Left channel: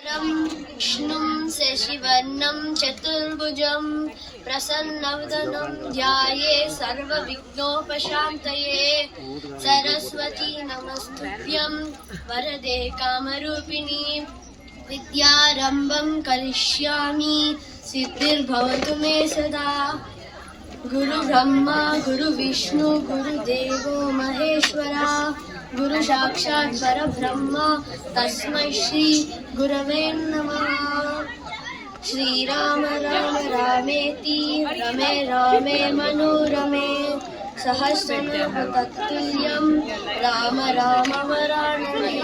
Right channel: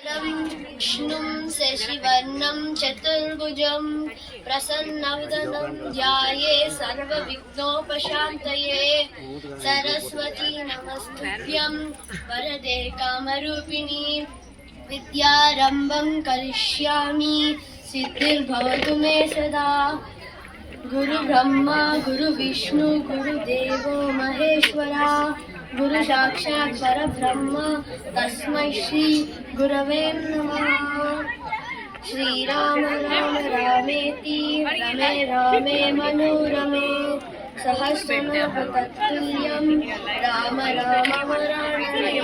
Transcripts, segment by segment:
विष्णुं शशिवर्णं चतुर्भुजं प्रसन्नवदनं ध्यायेत् सर्वविघ्नोपशान्तये। सरस्वती नमस्तुभ्यं वरदे कामरूपिणी। विद्यारम्भं करिष्यामि सिद्धिर्भवतु मे सदा। गुरुब्रह्मा गुरुविष्णु गुरुदेवो महेश्वरा। गुरु साक्षात् परब्रह्म तस्मै श्री गुरवे नमः। श्रीराम राम रामेति रमे रामे मनोरमे सहस्रनाम तत्तुल्यं राम राम वरानने।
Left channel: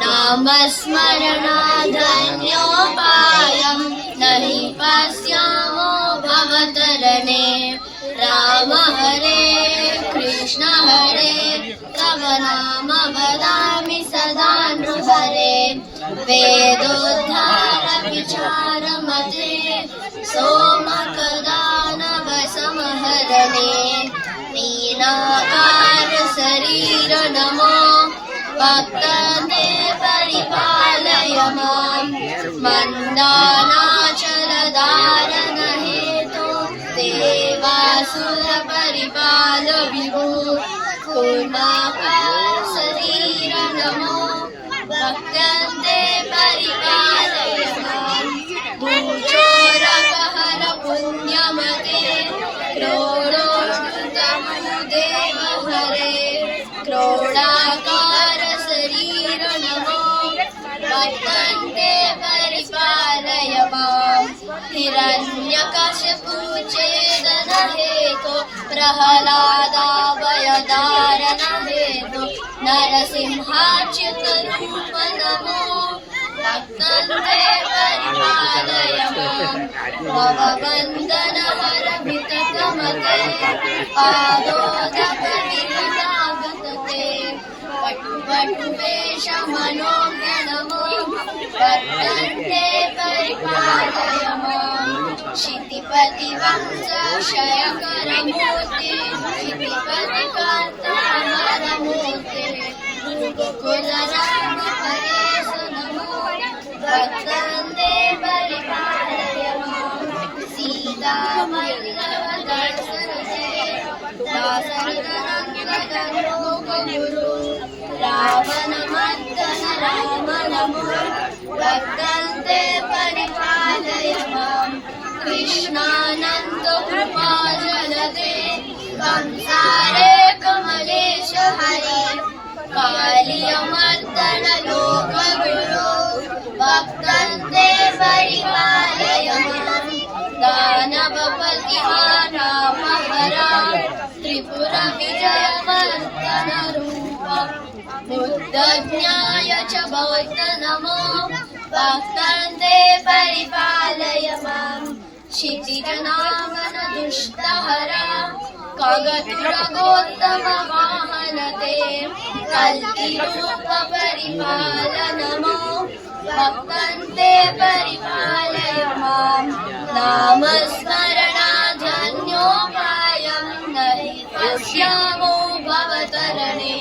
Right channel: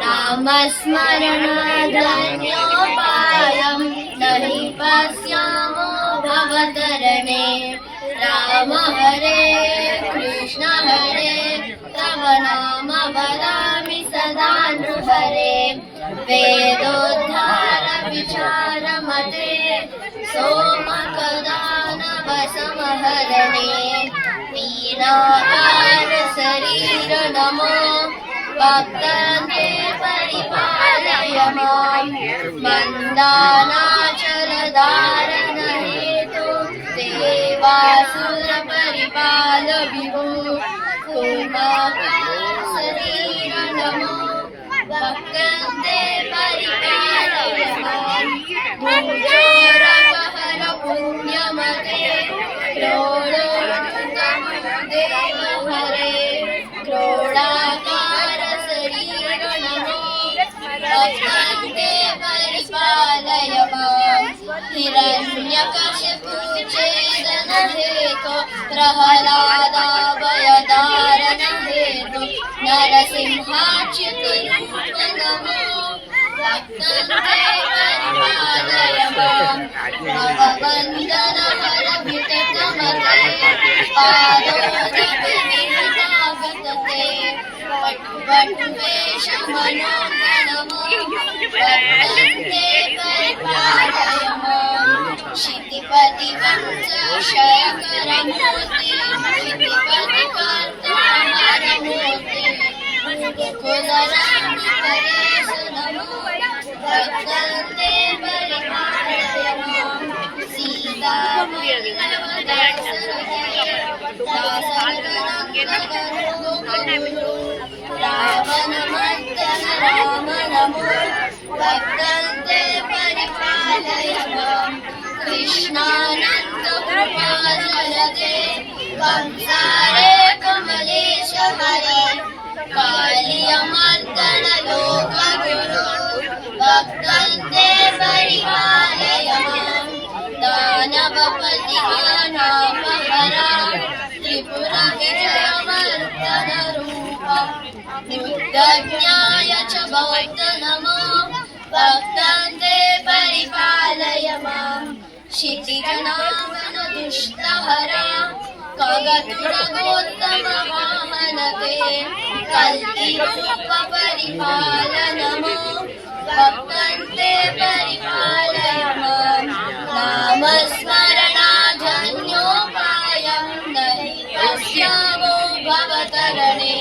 नामस्मरणादन्योपायं नहि पश्यामो भवतरणे। राम हरे कृष्ण हरे तव नाम वदामि सदा नृहरे। वेदोद्धार विचारमते सोमकदानव समहरणे। नीलाकार शरीर नमो भक्तते परिपालय मां। मन्दानाचल धारण हेतु देवासुर परिपाल विभो। कूर्माकार शरीर नमो भक्तते परिपालय मां। भूचोरगहन पुण्यमते क्रोडोत्तमदेव हरे। क्रोडाकार शरीर नमो भक्तते परिपालय मां। हिरण्यकशिपु छेदन हेतो प्रह्लादाभयदारण हेतो। नरसिंहाच्युतरूप नमो भक्तते परिपालय मां। भववन्दन हरभितकमते पादोदकविरजागतते। वटुवेश मनोगणमो भक्तते परिपालय मां। क्षितिपति वंश शयकरमूर्ति क्षितिपतिकार्तामरमूर्ति। कुलराम परेश नमो भक्तते परिपालय मां। रावणमर्दन राम नमो भक्तते परिपालय मां। कृष्णानन्द कृपाजलदे कंसारे कमलेश हरे। कालियमर्दन लोकगुरो भक्तते परिपालय मां। दानवपति दानवहरा त्रिपुरविजयवर्धन रूपा। बुद्धज्ञाय च बौद्ध नमो भक्तते परिपालय मां। क्षितिजनाभन दुष्टहरा खगतुरगोत्तम वाहनते। कल्किरूप परिपाल नमो भक्तते परिपालय मां। नामस्मरणाधन्योपायं नहि पश्यामो भवतरणे।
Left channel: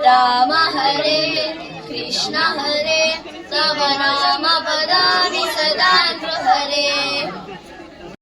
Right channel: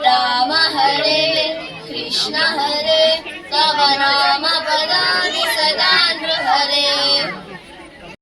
राम हरे कृष्ण हरे तव नाम वदामि सदा नृहरे।